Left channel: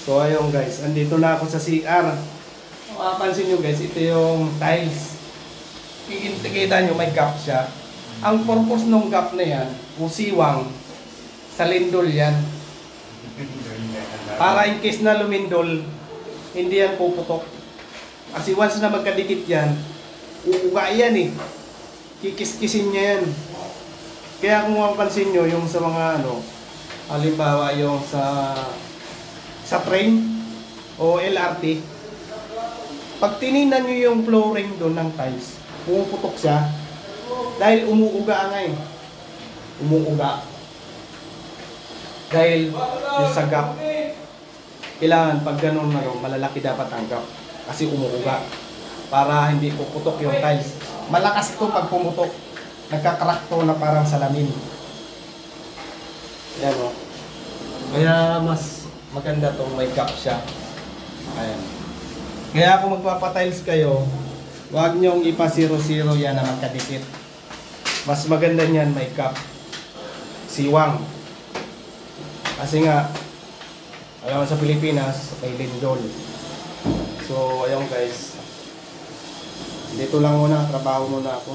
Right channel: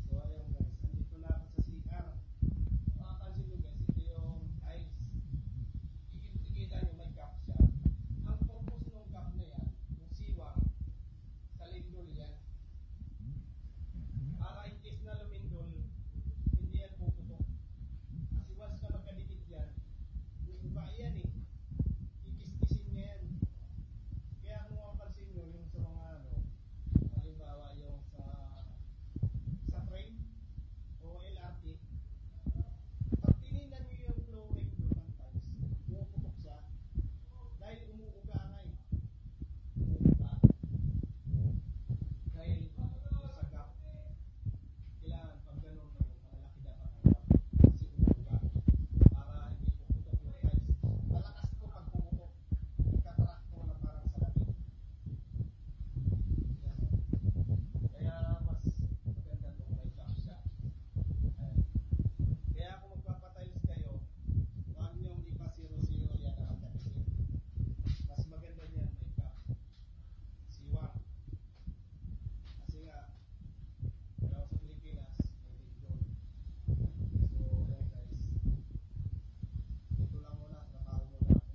So ayun guys, andito na ako sa CR. Mapapansin nyo guys, ito yung tiles. Kita nyo may gap siya. Ang purpose ng gap na yan, o siwang, sa lindol yan. Para in case na lumindol, hindi yan puputok. Kasi once na magkadikit yan, uuga yan eh. Kikis-kisin niya yan. Kaya kung mapapansin nyo, yung sa mga ano, halimbawa yung sa train o LRT, pag tininan nyo yung flooring doon ng tiles, pumuputok siya dahil umuuga nga eh. Umuuga. Dahil yung sa gap, kailangan pag ganun na malalaki dapat ang gap kasi umuuga para hindi puputok yung tiles. Malakas ito pag pumutok. Nagka-crack to na parang salamin. Yan o. Kaya mas maganda tong may gap siya. Ayan. Kaya kung magpapatiles kayo, huwag nyong ipa-0-0 yan na magkadikit. Mas maganda niyan may gap. Siwang. Kasi nga, alam mo sa Pilipinas, may lindol. So, ayun guys. Dito lang muna, trabaho muna ako.